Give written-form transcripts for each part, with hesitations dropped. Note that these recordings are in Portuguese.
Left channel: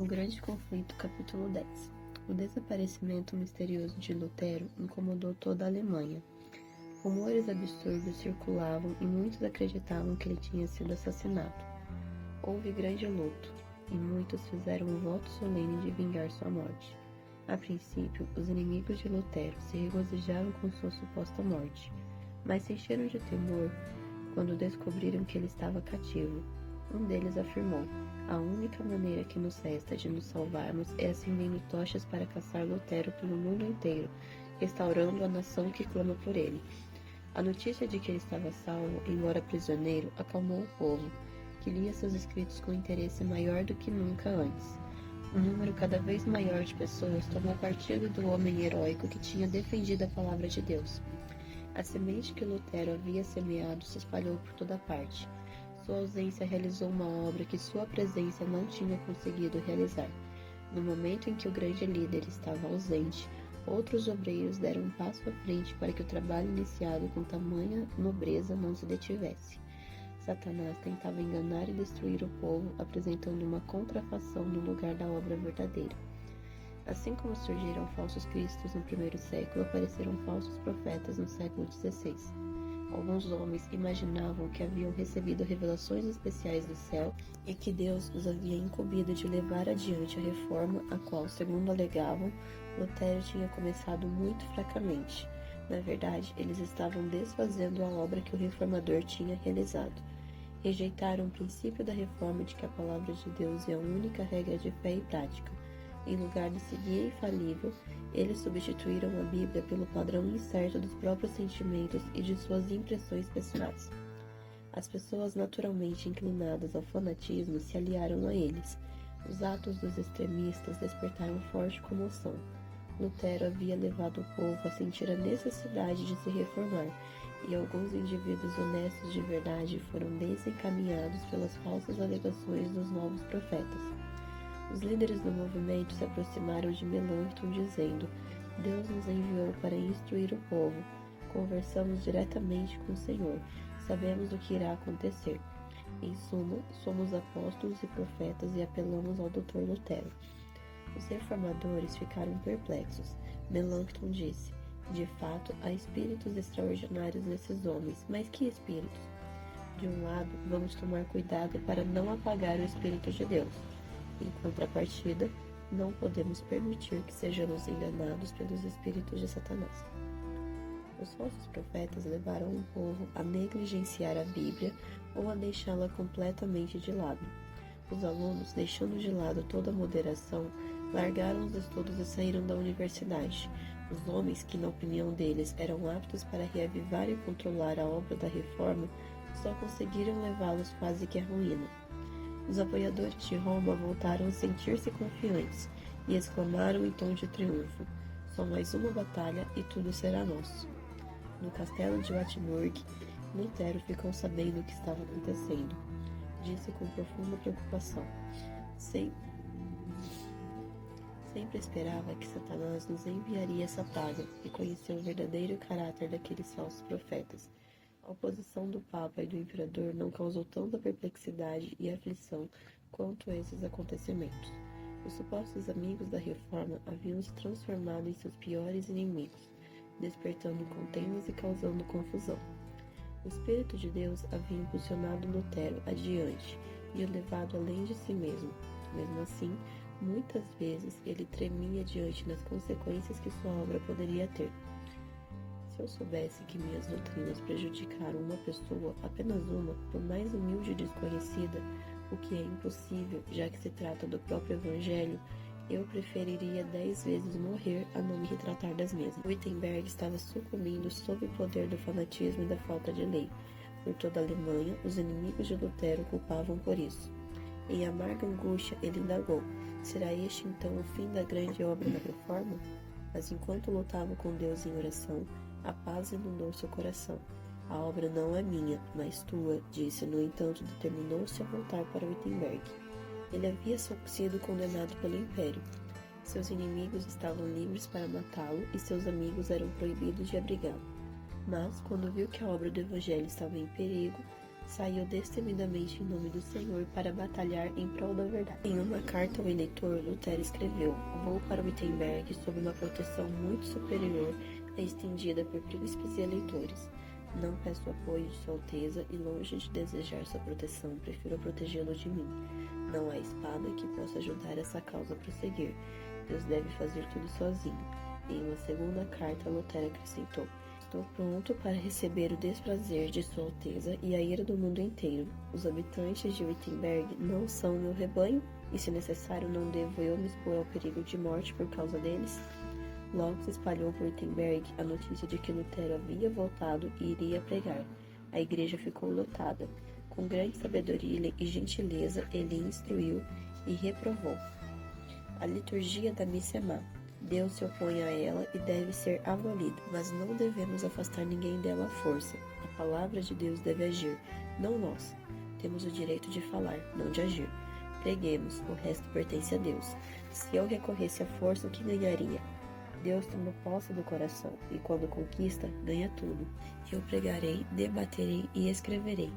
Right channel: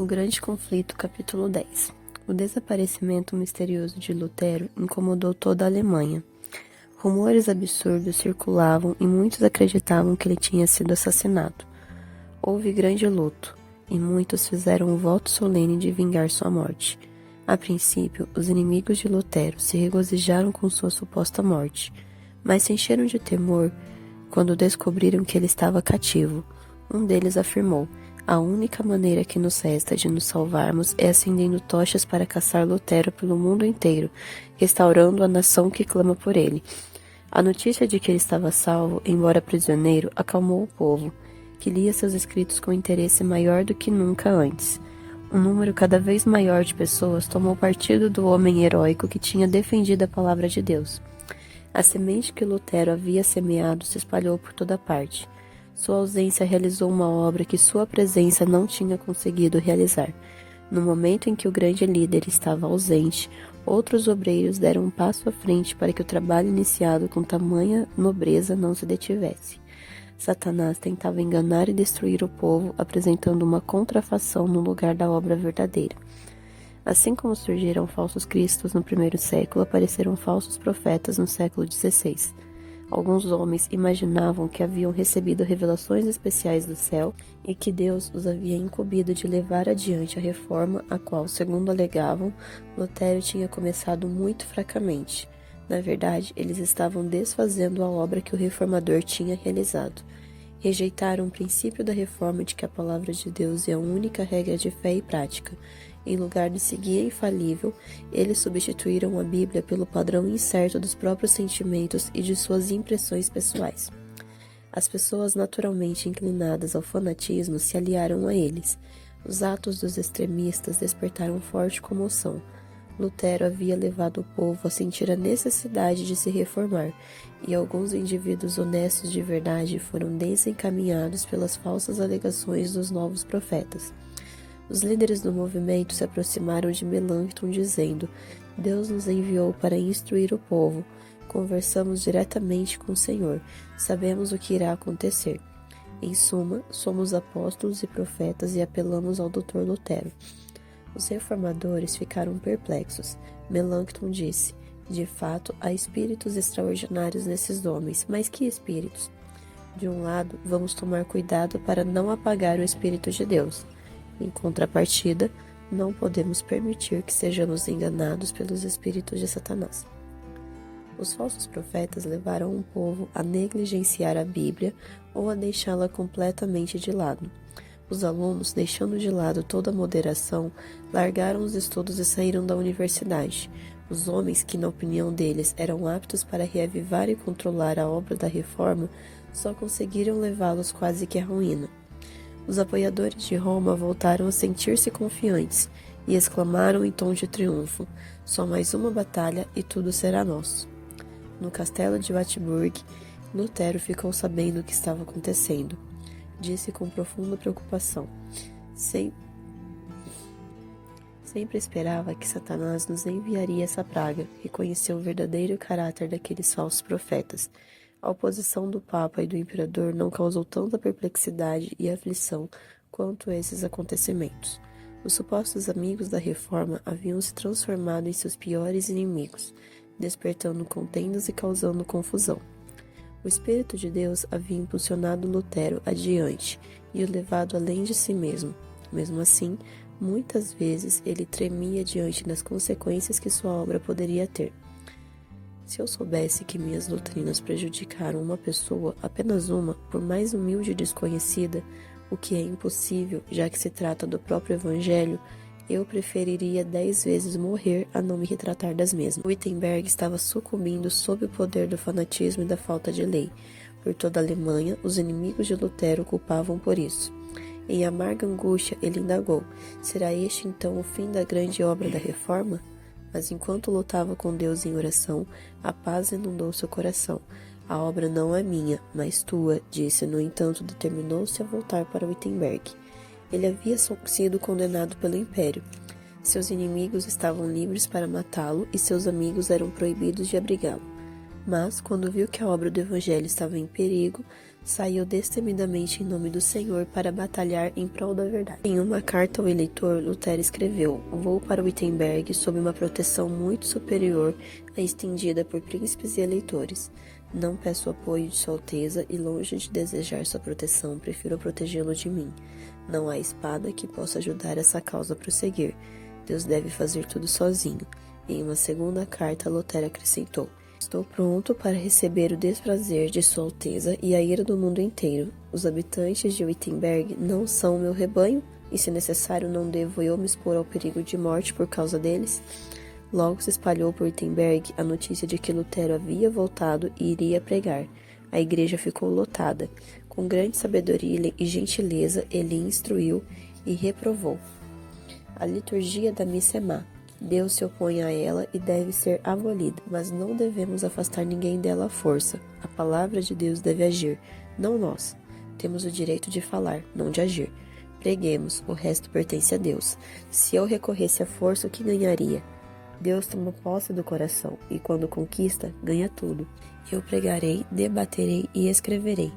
O Grande Conflito, capítulo 10. O desaparecimento misterioso de Lutero incomodou toda a Alemanha. Rumores absurdos circulavam e muitos acreditavam que ele tinha sido assassinado. Houve grande luto, e muitos fizeram um voto solene de vingar sua morte. A princípio, os inimigos de Lutero se regozijaram com sua suposta morte, mas se encheram de temor quando descobriram que ele estava cativo. Um deles afirmou: "A única maneira que nos resta de nos salvarmos é acendendo tochas para caçar Lutero pelo mundo inteiro, restaurando a nação que clama por ele." A notícia de que ele estava salvo, embora prisioneiro, acalmou o povo, que lia seus escritos com interesse maior do que nunca antes. Um número cada vez maior de pessoas tomou partido do homem heróico que tinha defendido a palavra de Deus. A semente que Lutero havia semeado se espalhou por toda parte. Sua ausência realizou uma obra que sua presença não tinha conseguido realizar. No momento em que o grande líder estava ausente, outros obreiros deram um passo à frente para que o trabalho iniciado com tamanha nobreza não se detivesse. Satanás tentava enganar e destruir o povo, apresentando uma contrafação no lugar da obra verdadeira. Assim como surgiram falsos cristos no primeiro século, apareceram falsos profetas no século XVI. Alguns homens imaginavam que haviam recebido revelações especiais do céu e que Deus os havia incumbido de levar adiante a reforma, a qual, segundo alegavam, Lutero tinha começado muito fracamente. Na verdade, eles estavam desfazendo a obra que o reformador tinha realizado. Rejeitaram o princípio da reforma de que a palavra de Deus é a única regra de fé e prática. Em lugar de seguir a infalível, eles substituíram a Bíblia pelo padrão incerto dos próprios sentimentos e de suas impressões pessoais. As pessoas naturalmente inclinadas ao fanatismo se aliaram a eles. Os atos dos extremistas despertaram forte comoção. Lutero havia levado o povo a sentir a necessidade de se reformar, e alguns indivíduos honestos de verdade foram desencaminhados pelas falsas alegações dos novos profetas. Os líderes do movimento se aproximaram de Melanchthon dizendo: "Deus nos enviou para instruir o povo. Conversamos diretamente com o Senhor. Sabemos o que irá acontecer. Em suma, somos apóstolos e profetas e apelamos ao Dr. Lutero." Os reformadores ficaram perplexos. Melanchthon disse: "De fato, há espíritos extraordinários nesses homens, mas que espíritos? De um lado, vamos tomar cuidado para não apagar o Espírito de Deus. Em contrapartida, não podemos permitir que sejamos enganados pelos espíritos de Satanás." Os falsos profetas levaram o povo a negligenciar a Bíblia ou a deixá-la completamente de lado. Os alunos, deixando de lado toda a moderação, largaram os estudos e saíram da universidade. Os homens que, na opinião deles, eram aptos para reavivar e controlar a obra da reforma, só conseguiram levá-los quase que à ruína. Os apoiadores de Roma voltaram a sentir-se confiantes e exclamaram em tom de triunfo: "Só mais uma batalha e tudo será nosso." No castelo de Wartburg, Lutero ficou sabendo o que estava acontecendo. Disse com profunda preocupação: Sempre esperava que Satanás nos enviaria essa praga, e conheceu o verdadeiro caráter daqueles falsos profetas. A oposição do Papa e do Imperador não causou tanta perplexidade e aflição quanto esses acontecimentos. Os supostos amigos da Reforma haviam se transformado em seus piores inimigos, despertando contendas e causando confusão. O Espírito de Deus havia impulsionado Lutero adiante e o levado além de si mesmo. Mesmo assim, muitas vezes ele tremia diante das consequências que sua obra poderia ter. Se eu soubesse que minhas doutrinas prejudicaram uma pessoa, apenas uma, por mais humilde e desconhecida, o que é impossível, já que se trata do próprio Evangelho, eu preferiria 10 vezes morrer a não me retratar das mesmas. Wittenberg estava sucumbindo sob o poder do fanatismo e da falta de lei. Por toda a Alemanha, os inimigos de Lutero o culpavam por isso. Em amarga angústia, ele indagou: será este então o fim da grande obra da reforma? Mas enquanto lutava com Deus em oração, a paz inundou seu coração. "A obra não é minha, mas tua", disse. No entanto, determinou-se a voltar para Wittenberg. Ele havia sido condenado pelo Império. Seus inimigos estavam livres para matá-lo e seus amigos eram proibidos de abrigá-lo. Mas, quando viu que a obra do Evangelho estava em perigo, saiu destemidamente em nome do Senhor para batalhar em prol da verdade. Em uma carta ao eleitor, Lutero escreveu: "Vou para Wittenberg sob uma proteção muito superior à estendida por príncipes e eleitores. Não peço apoio de Sua Alteza e, longe de desejar sua proteção, prefiro protegê-lo de mim. Não há espada que possa ajudar essa causa a prosseguir. Deus deve fazer tudo sozinho." Em uma segunda carta, Lutero acrescentou: "Estou pronto para receber o desprazer de Sua Alteza e a ira do mundo inteiro. Os habitantes de Wittenberg não são o meu rebanho, e se necessário não devo eu me expor ao perigo de morte por causa deles?" Logo se espalhou por Wittenberg a notícia de que Lutero havia voltado e iria pregar. A igreja ficou lotada. Com grande sabedoria e gentileza, ele instruiu e reprovou. A liturgia da missa é má. Deus se opõe a ela e deve ser abolida, mas não devemos afastar ninguém dela à força. A palavra de Deus deve agir, não nós. Temos o direito de falar, não de agir. Preguemos, o resto pertence a Deus. Se eu recorresse à força, o que ganharia? Deus toma posse do coração, e quando conquista, ganha tudo. Eu pregarei, debaterei e escreverei,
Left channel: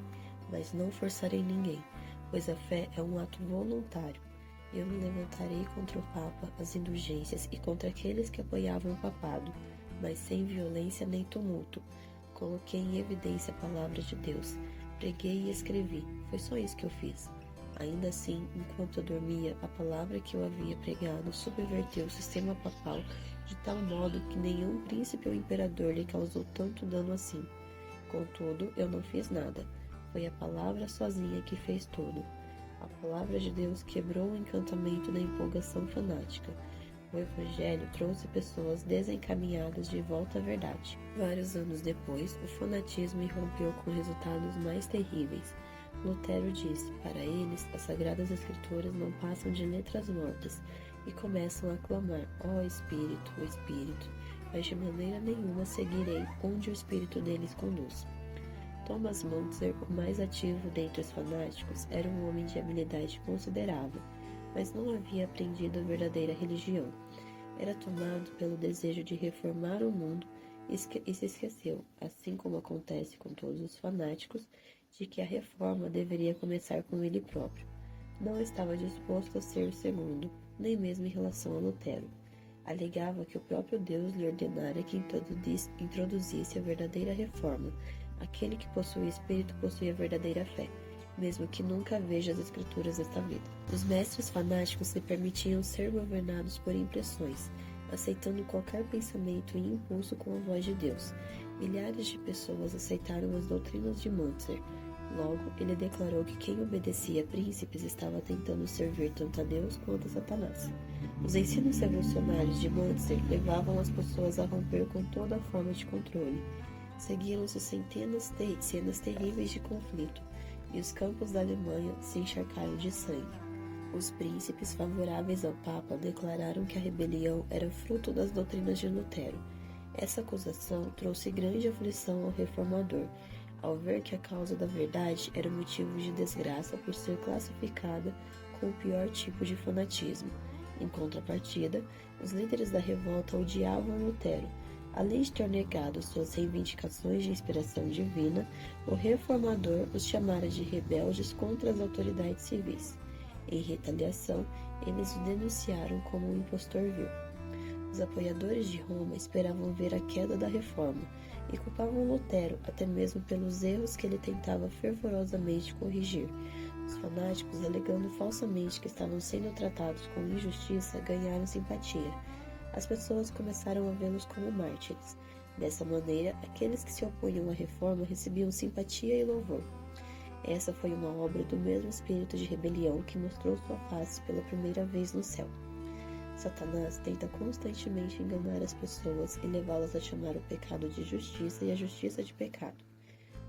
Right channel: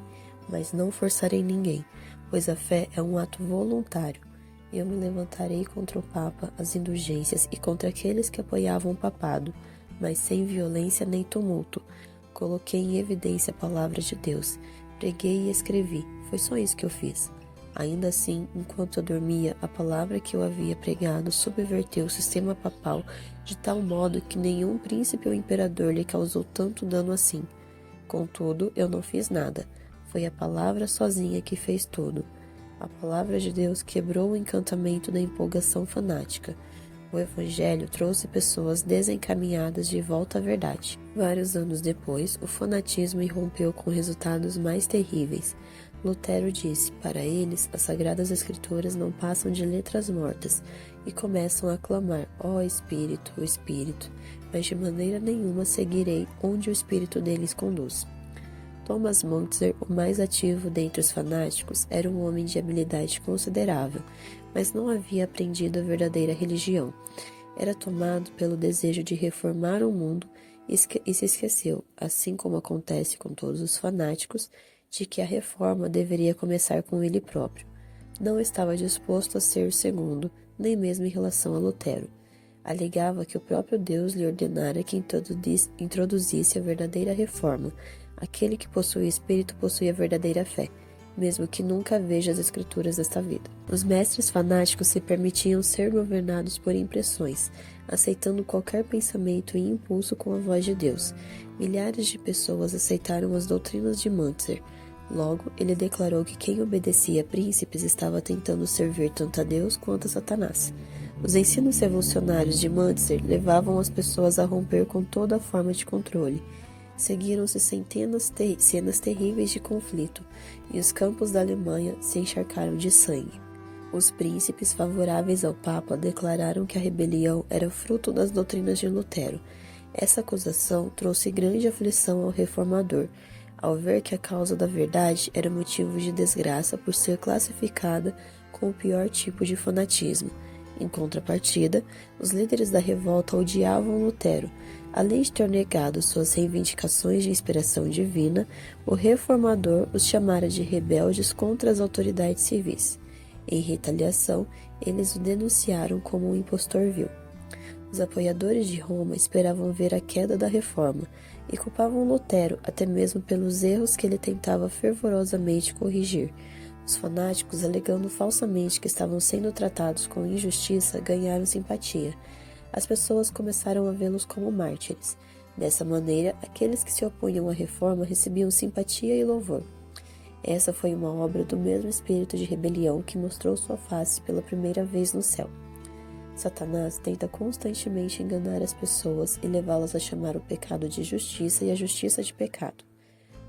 mas não forçarei ninguém, pois a fé é um ato voluntário. Eu me levantarei contra o Papa, as indulgências e contra aqueles que apoiavam o papado, mas sem violência nem tumulto. Coloquei em evidência a palavra de Deus, preguei e escrevi, foi só isso que eu fiz. Ainda assim, enquanto eu dormia, a palavra que eu havia pregado subverteu o sistema papal de tal modo que nenhum príncipe ou imperador lhe causou tanto dano assim. Contudo, eu não fiz nada. Foi a palavra sozinha que fez tudo. A palavra de Deus quebrou o encantamento da empolgação fanática. O Evangelho trouxe pessoas desencaminhadas de volta à verdade. Vários anos depois, o fanatismo irrompeu com resultados mais terríveis. Lutero disse: para eles, as Sagradas Escrituras não passam de letras mortas, e começam a clamar: ó Espírito, o Espírito, mas de maneira nenhuma seguirei onde o Espírito deles conduz. Thomas Müntzer, o mais ativo dentre os fanáticos, era um homem de habilidade considerável, mas não havia aprendido a verdadeira religião. Era tomado pelo desejo de reformar o mundo e se esqueceu, assim como acontece com todos os fanáticos, de que a reforma deveria começar com ele próprio. Não estava disposto a ser o segundo, nem mesmo em relação a Lutero. Alegava que o próprio Deus lhe ordenara que introduzisse a verdadeira reforma. Aquele que possui espírito possui a verdadeira fé, mesmo que nunca veja as escrituras desta vida. Os mestres fanáticos se permitiam ser governados por impressões, aceitando qualquer pensamento e impulso com a voz de Deus. Milhares de pessoas aceitaram as doutrinas de Müntzer. Logo, ele declarou que quem obedecia a príncipes estava tentando servir tanto a Deus quanto a Satanás. Os ensinos revolucionários de Müntzer levavam as pessoas a romper com toda forma de controle. Seguiram-se cenas terríveis de conflito, e os campos da Alemanha se encharcaram de sangue. Os príncipes favoráveis ao Papa declararam que a rebelião era fruto das doutrinas de Lutero. Essa acusação trouxe grande aflição ao reformador, ao ver que a causa da verdade era motivo de desgraça por ser classificada com o pior tipo de fanatismo. Em contrapartida, os líderes da revolta odiavam Lutero. Além de ter negado suas reivindicações de inspiração divina, o reformador os chamara de rebeldes contra as autoridades civis. Em retaliação, eles o denunciaram como um impostor vil. Os apoiadores de Roma esperavam ver a queda da reforma e culpavam Lutero até mesmo pelos erros que ele tentava fervorosamente corrigir. Os fanáticos, alegando falsamente que estavam sendo tratados com injustiça, ganharam simpatia. As pessoas começaram a vê-los como mártires. Dessa maneira, aqueles que se opunham à reforma recebiam simpatia e louvor. Essa foi uma obra do mesmo espírito de rebelião que mostrou sua face pela primeira vez no céu. Satanás tenta constantemente enganar as pessoas e levá-las a chamar o pecado de justiça e a justiça de pecado.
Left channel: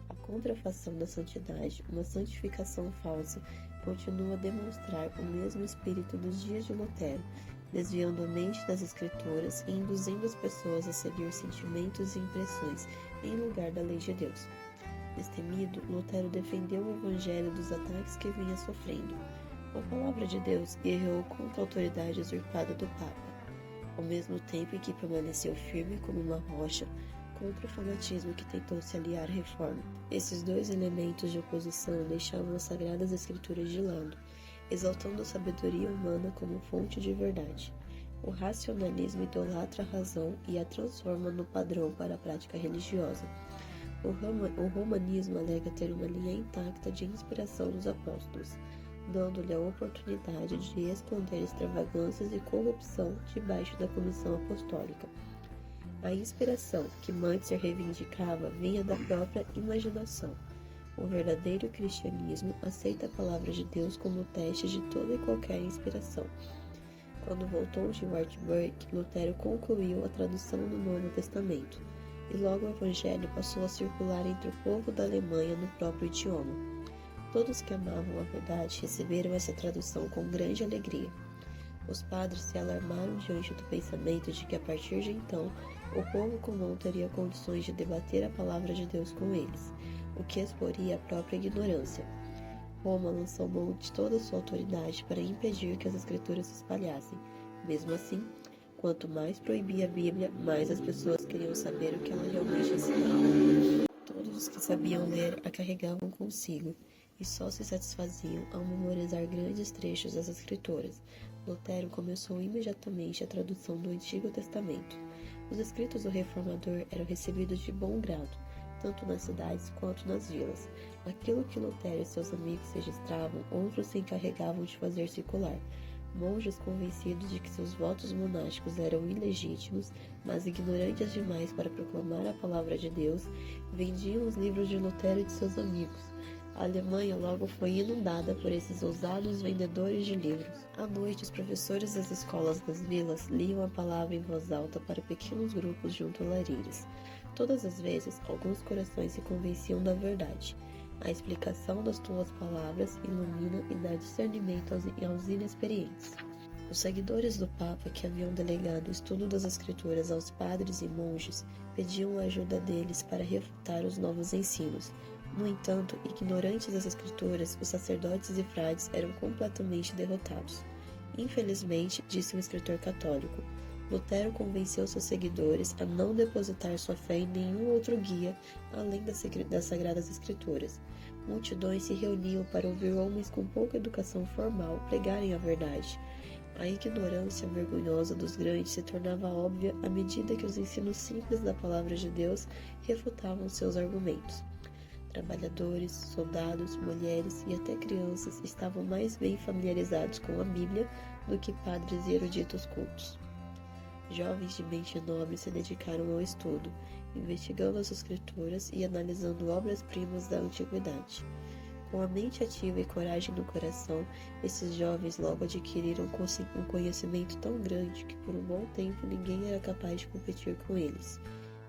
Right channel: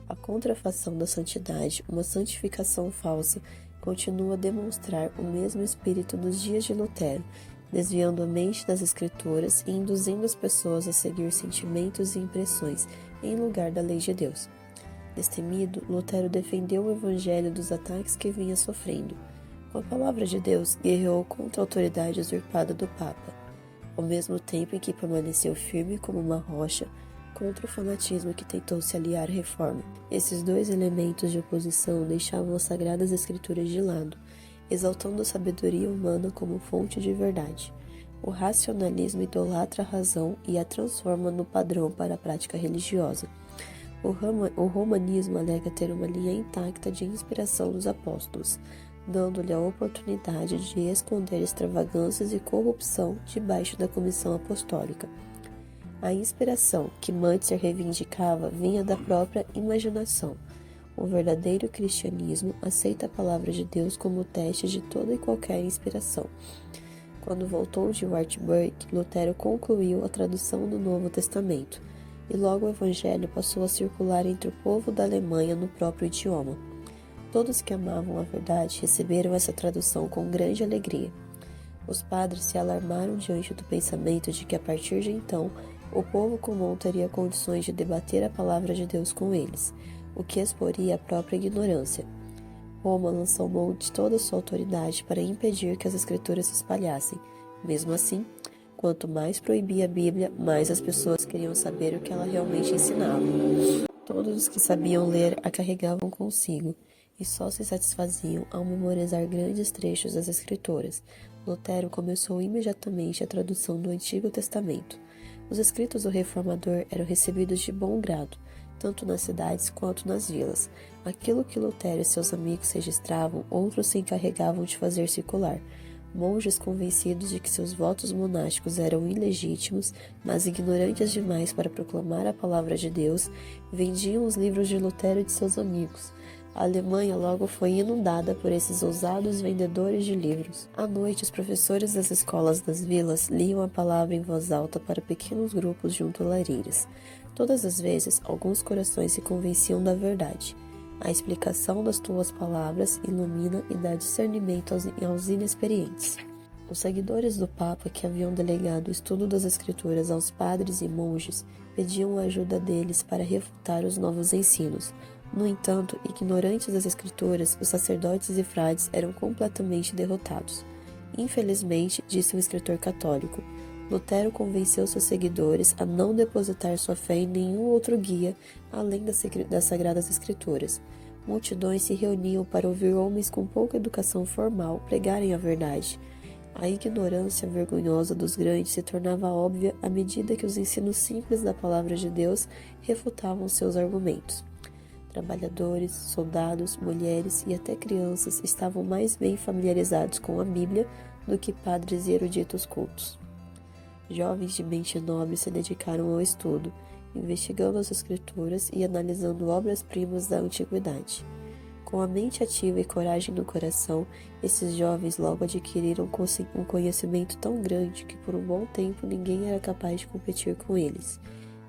A contrafação da santidade, uma santificação falsa, continua a demonstrar o mesmo espírito dos dias de Lutero, desviando a mente das Escrituras e induzindo as pessoas a seguir sentimentos e impressões em lugar da lei de Deus. Destemido, Lutero defendeu o Evangelho dos ataques que vinha sofrendo. Com a palavra de Deus, guerreou contra a autoridade usurpada do Papa. Ao mesmo tempo em que permaneceu firme como uma rocha, contra o fanatismo que tentou se aliar à reforma. Esses dois elementos de oposição deixavam as sagradas escrituras de lado, exaltando a sabedoria humana como fonte de verdade. O racionalismo idolatra a razão e a transforma no padrão para a prática religiosa. O romanismo alega ter uma linha intacta de inspiração dos apóstolos, dando-lhe a oportunidade de esconder extravagâncias e corrupção debaixo da comissão apostólica. A inspiração que Münzer reivindicava vinha da própria imaginação. O verdadeiro cristianismo aceita a palavra de Deus como teste de toda e qualquer inspiração. Quando voltou de Wartburg, Lutero concluiu a tradução do Novo Testamento, e logo o Evangelho passou a circular entre o povo da Alemanha no próprio idioma. Todos que amavam a verdade receberam essa tradução com grande alegria. Os padres se alarmaram diante do pensamento de que, a partir de então, o povo comum teria condições de debater a palavra de Deus com eles, o que exporia a própria ignorância. Roma lançou mão de toda a sua autoridade para impedir que as escrituras se espalhassem. Mesmo assim, quanto mais proibia a Bíblia, mais as pessoas queriam saber o que ela realmente ensinava. Todos os que sabiam ler a carregavam consigo, e só se satisfaziam ao memorizar grandes trechos das Escrituras. Lutero começou imediatamente a tradução do Antigo Testamento. Os escritos do reformador eram recebidos de bom grado, tanto nas cidades quanto nas vilas. Aquilo que Lutero e seus amigos registravam, outros se encarregavam de fazer circular. Monges convencidos de que seus votos monásticos eram ilegítimos, mas ignorantes demais para proclamar a palavra de Deus, vendiam os livros de Lutero e de seus amigos. A Alemanha logo foi inundada por esses ousados vendedores de livros. À noite, os professores das escolas das vilas liam a palavra em voz alta para pequenos grupos junto a lareiras. Todas as vezes, alguns corações se convenciam da verdade. A explicação das tuas palavras ilumina e dá discernimento aos inexperientes. Os seguidores do Papa, que haviam delegado o estudo das Escrituras aos padres e monges, pediam a ajuda deles para refutar os novos ensinos. No entanto, ignorantes das Escrituras, os sacerdotes e frades eram completamente derrotados. Infelizmente, disse um escritor católico, Lutero convenceu seus seguidores a não depositar sua fé em nenhum outro guia além das Sagradas Escrituras. Multidões se reuniam para ouvir homens com pouca educação formal pregarem a verdade. A ignorância vergonhosa dos grandes se tornava óbvia à medida que os ensinos simples da palavra de Deus refutavam seus argumentos. Trabalhadores, soldados, mulheres e até crianças estavam mais bem familiarizados com a Bíblia do que padres e eruditos cultos. Jovens de mente nobre se dedicaram ao estudo, investigando as Escrituras e analisando obras-primas da antiguidade. Com a mente ativa e coragem no coração, esses jovens logo adquiriram um conhecimento tão grande que por um bom tempo ninguém era capaz de competir com eles.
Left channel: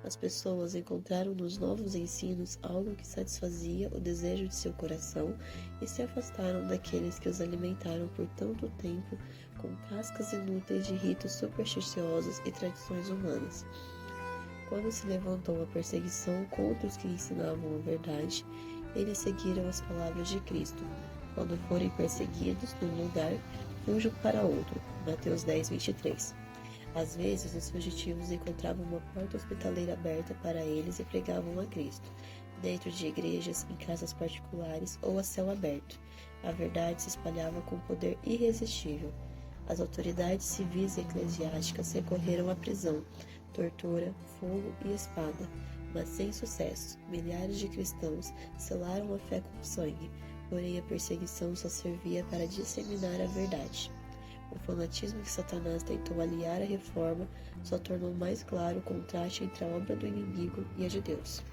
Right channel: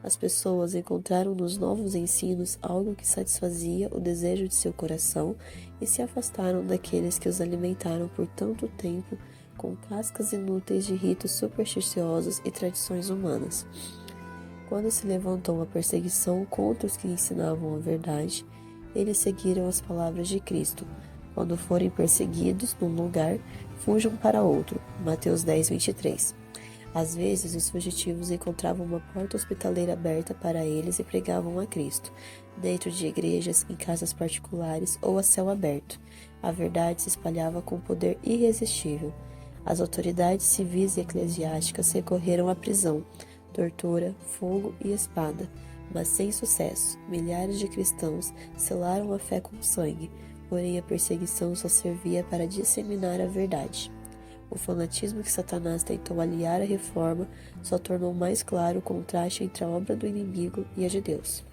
As pessoas encontraram nos novos ensinos algo que satisfazia o desejo de seu coração e se afastaram daqueles que os alimentaram por tanto tempo com cascas inúteis de ritos supersticiosos e tradições humanas. Quando se levantou a perseguição contra os que ensinavam a verdade, eles seguiram as palavras de Cristo. Quando forem perseguidos num lugar, fujam para outro. Mateus 10, 23. Às vezes, os fugitivos encontravam uma porta hospitaleira aberta para eles e pregavam a Cristo, dentro de igrejas, em casas particulares ou a céu aberto. A verdade se espalhava com poder irresistível. As autoridades civis e eclesiásticas recorreram à prisão, tortura, fogo e espada, mas sem sucesso. Milhares de cristãos selaram a fé com sangue, porém a perseguição só servia para disseminar a verdade. O fanatismo que Satanás tentou aliar à reforma só tornou mais claro o contraste entre a obra do inimigo e a de Deus.